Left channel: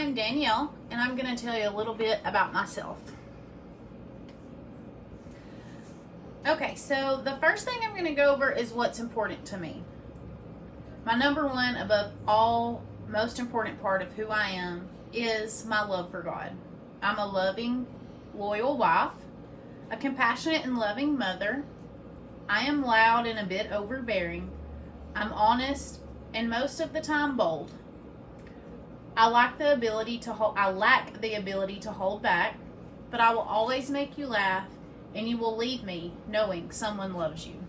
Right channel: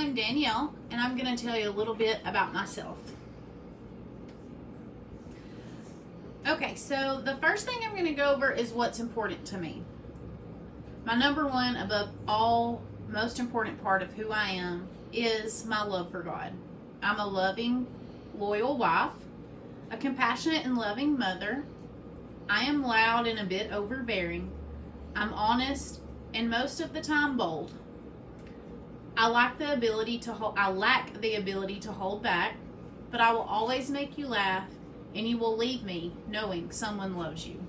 I'm Danielle, and I'm going to tell you a little bit about myself. Okay, so the first thing I'm going to go over is what's important to me. My number one, above all, most important part of who I am is my love for God. I'm a loving, loyal wife, a compassionate and loving mother. I am loud and a bit overbearing. I'm honest and most of the time bold. I lack the ability to hold back, but I will always make you laugh, and you will leave me knowing someone loves you.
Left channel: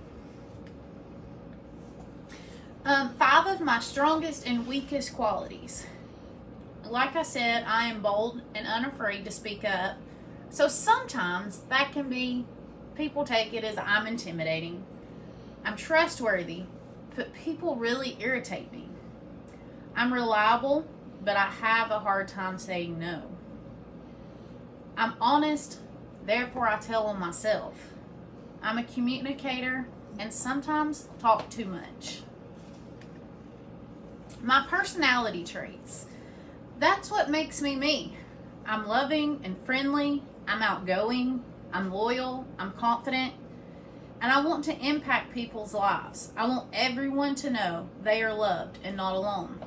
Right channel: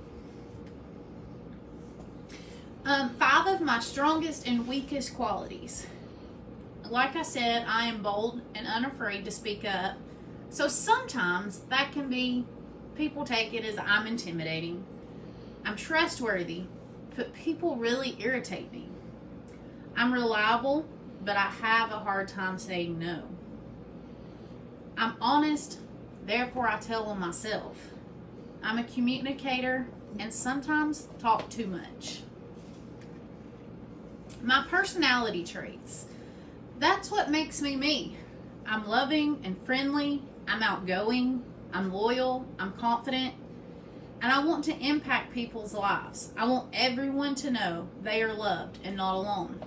5 of my strongest and weakest qualities. Like I said, I am bold and unafraid to speak up. So sometimes that can be, people take it as I'm intimidating. I'm trustworthy, but people really irritate me. I'm reliable, but I have a hard time saying no. I'm honest, therefore I tell on myself. I'm a communicator and sometimes talk too much. My personality traits. That's what makes me me. I'm loving and friendly. I'm outgoing. I'm loyal. I'm confident. And I want to impact people's lives. I want everyone to know they are loved and not alone.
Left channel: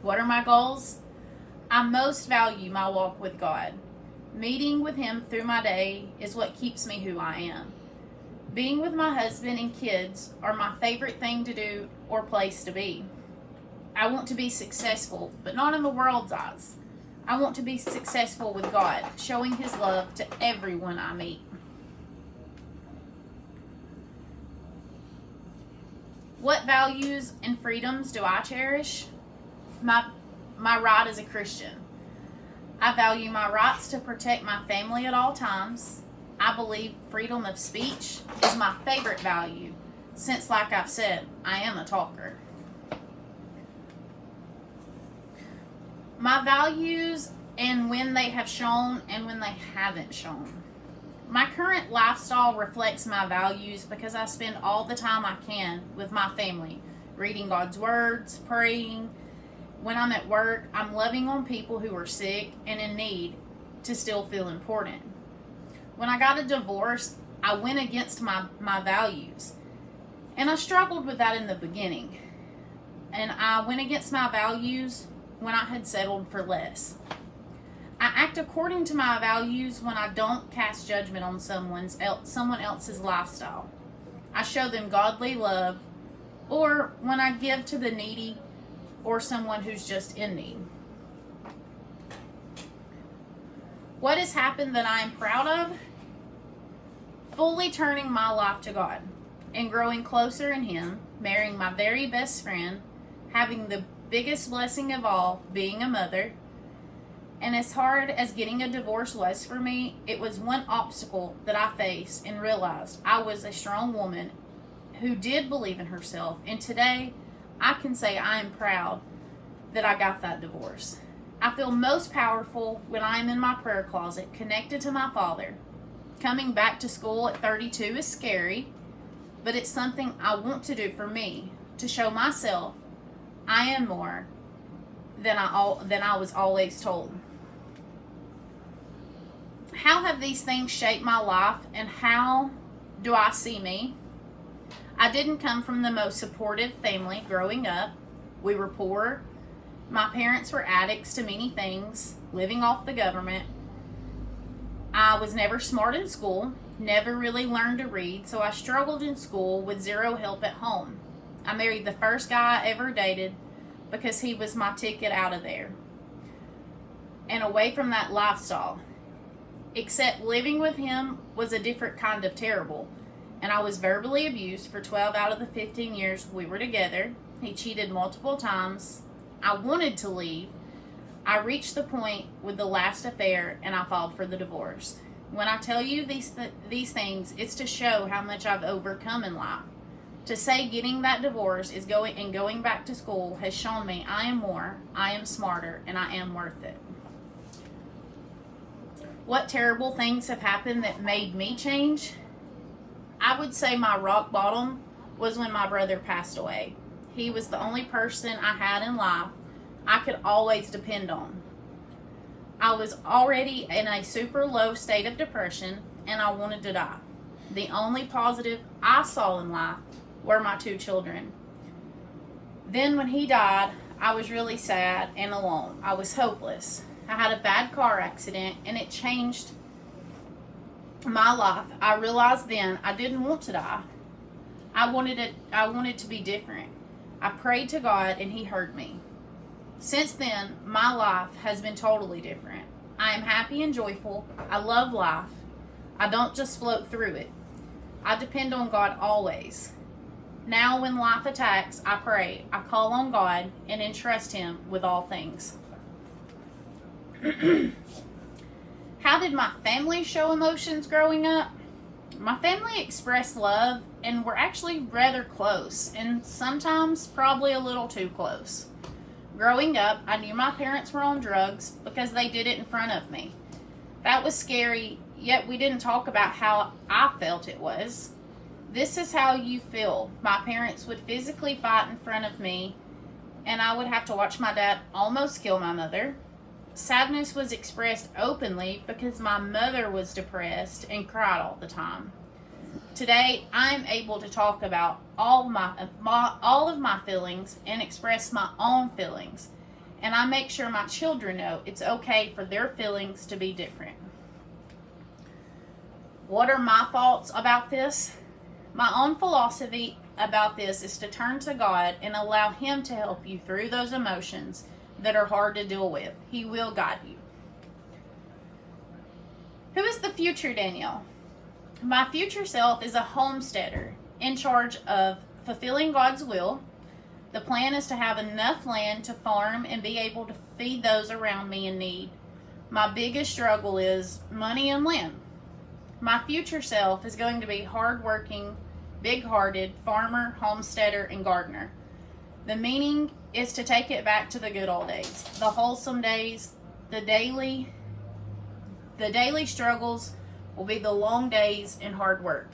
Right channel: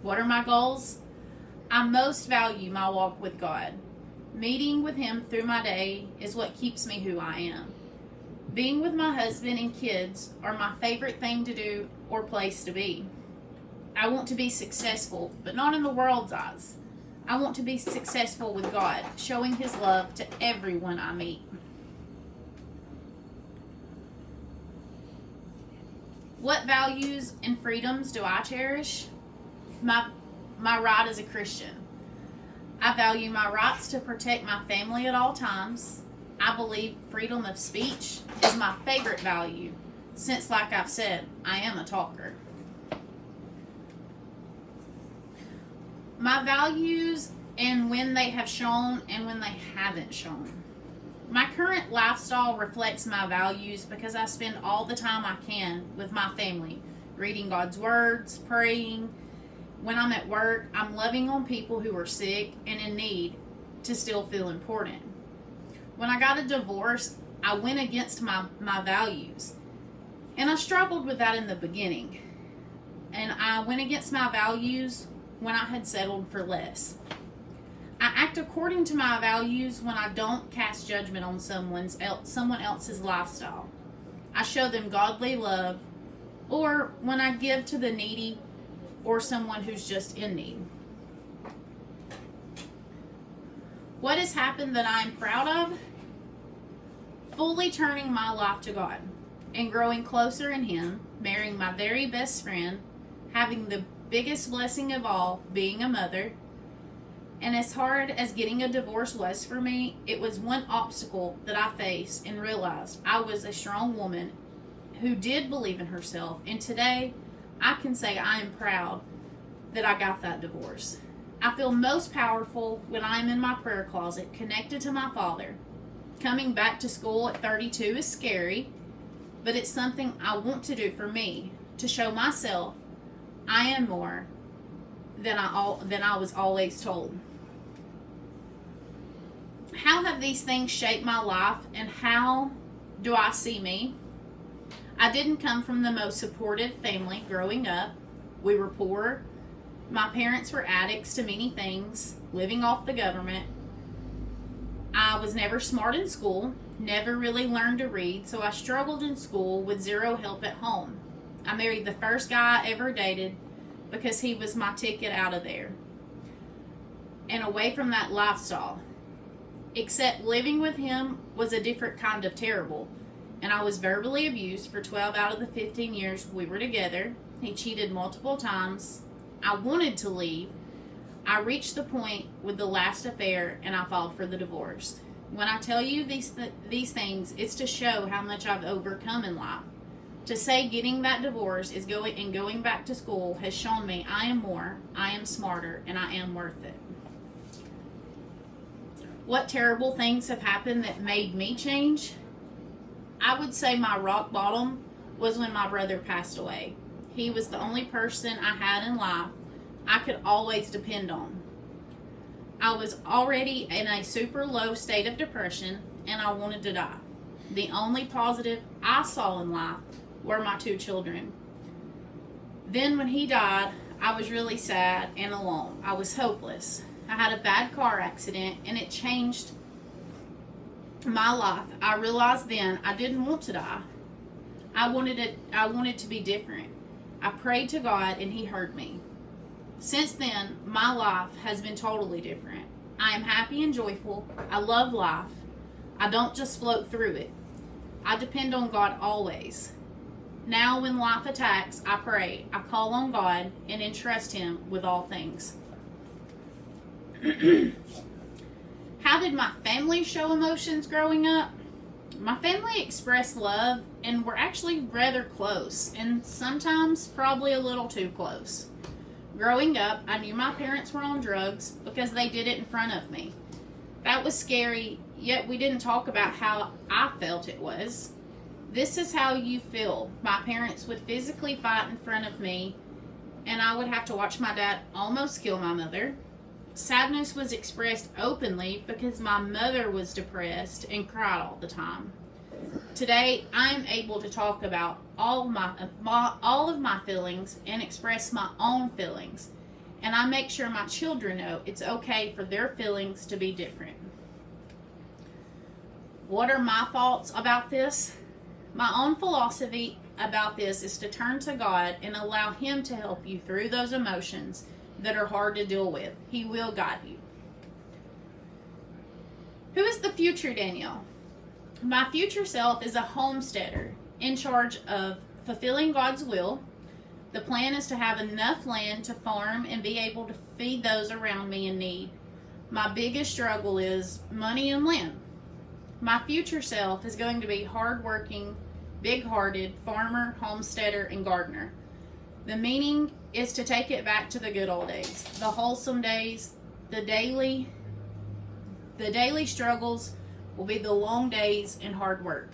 What are my goals? I most value my walk with God. Meeting with Him through my day is what keeps me who I am. Being with my husband and kids are my favorite thing to do or place to be. I want to be successful, but not in the world's eyes. I want to be successful with God, showing His love to everyone I meet. What values and freedoms do I cherish? My right as a Christian. I value my rights to protect my family at all times. I believe freedom of speech is my favorite value, since, like I've said, I am a talker. My values and when they have shown and when they haven't shown. My current lifestyle reflects my values because I spend all the time I can with my family, reading God's words, praying. When I'm at work, I'm loving on people who are sick and in need to still feel important. When I got a divorce, I went against my values. And I struggled with that in the beginning. And I went against my values when I had settled for less. I act according to my values when I don't cast judgment on someone else's lifestyle. I show them godly love, or when I give to the needy or someone who's just in need. What has happened that I am proud of? Fully turning my life to God and growing closer in Him, marrying my very best friend, having the biggest blessing of all, being a mother. And as hard as getting a divorce was for me, it was one obstacle that I faced and realized I was a strong woman who did believe in herself. And today, I can say I am proud that I got that divorce. I feel most powerful when I am in my prayer closet, connected to my Father. Coming back to school at 32 is scary, but it's something I want to do for me, to show myself I am more than I was always told. How have these things shaped my life, and how do I see me? I didn't come from the most supportive family growing up. We were poor. My parents were addicts to many things, living off the government. I was never smart in school, never really learned to read, so I struggled in school with zero help at home. I married the first guy I ever dated because he was my ticket out of there and away from that lifestyle. Except living with him was a different kind of terrible, and I was verbally abused for 12 out of the 15 years we were together. He cheated multiple times. I wanted to leave. I reached the point with the last affair, and I filed for the divorce. When I tell you these things, it's to show how much I've overcome in life. To say getting that divorce is going back to school has shown me I am more, I am smarter, and I am worth it. What terrible things have happened that made me change? I would say my rock bottom was when my brother passed away. He was the only person I had in life I could always depend on. I was already in a super low state of depression and I wanted to die. The only positive I saw in life were my 2 children. Then when he died, I was really sad and alone. I was hopeless. I had a bad car accident and it changed my life. I realized then I didn't want to die. I wanted to be different. I prayed to God and he heard me. Since then, my life has been totally different. I am happy and joyful. I love life. I don't just float through it. I depend on God always. Now when life attacks, I pray. I call on God and entrust him with all things. How did my family show emotions growing up? My family expressed love and were actually rather close, and sometimes probably a little too close. Growing up, I knew my parents were on drugs because they did it in front of me. That was scary, yet we didn't talk about how I felt it was. This is how you feel. My parents would physically fight in front of me, and I would have to watch my dad almost kill my mother. Sadness was expressed openly because my mother was depressed and cried all the time. Today, I'm able to talk about all of my feelings and express my own feelings. And I make sure my children know it's okay for their feelings to be different. What are my thoughts about this? My own philosophy about this is to turn to God and allow him to help you through those emotions that are hard to deal with. He will guide you. Who is the future Danielle? My future self is a homesteader in charge of fulfilling God's will. The plan is to have enough land to farm and be able to feed those around me in need. My biggest struggle is money and land. My future self is going to be hardworking, big-hearted farmer, homesteader, and gardener. The meaning is to take it back to the good old days, the wholesome days. The daily struggles will be the long days and hard work.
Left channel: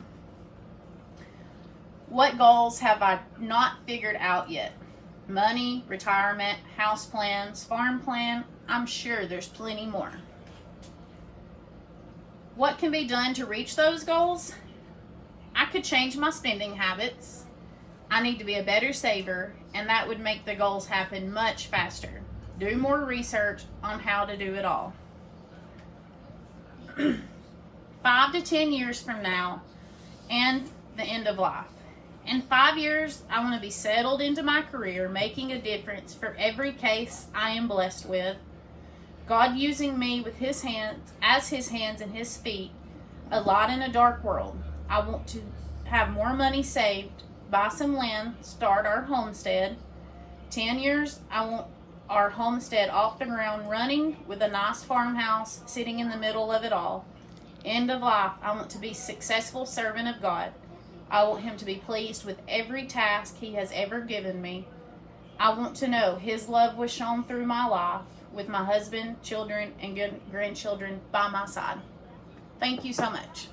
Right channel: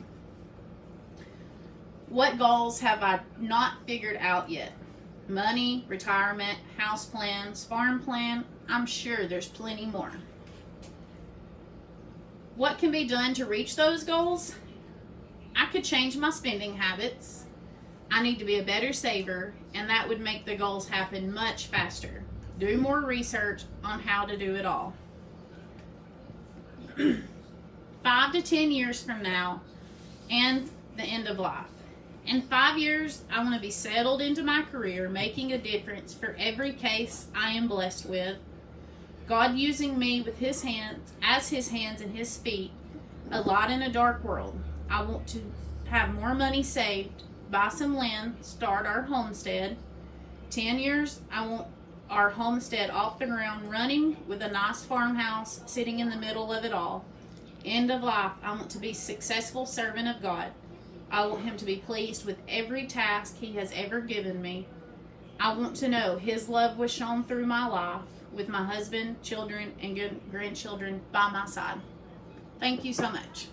What goals have I not figured out yet? Money, retirement, house plans, farm plan. I'm sure there's plenty more. What can be done to reach those goals? I could change my spending habits. I need to be a better saver, and that would make the goals happen much faster. Do more research on how to do it all. 5 to 10 years from now, and the end of life. In 5 years, I want to be settled into my career, making a difference for every case I am blessed with. God using me with his hands, as his hands and his feet, a light in a dark world. I want to have more money saved, buy some land, start our homestead. 10 years, I want our homestead off the ground, running with a nice farmhouse sitting in the middle of it all. End of life, I want to be a successful servant of God. I want him to be pleased with every task he has ever given me. I want to know his love was shown through my life with my husband, children, and grandchildren by my side. Thank you so much.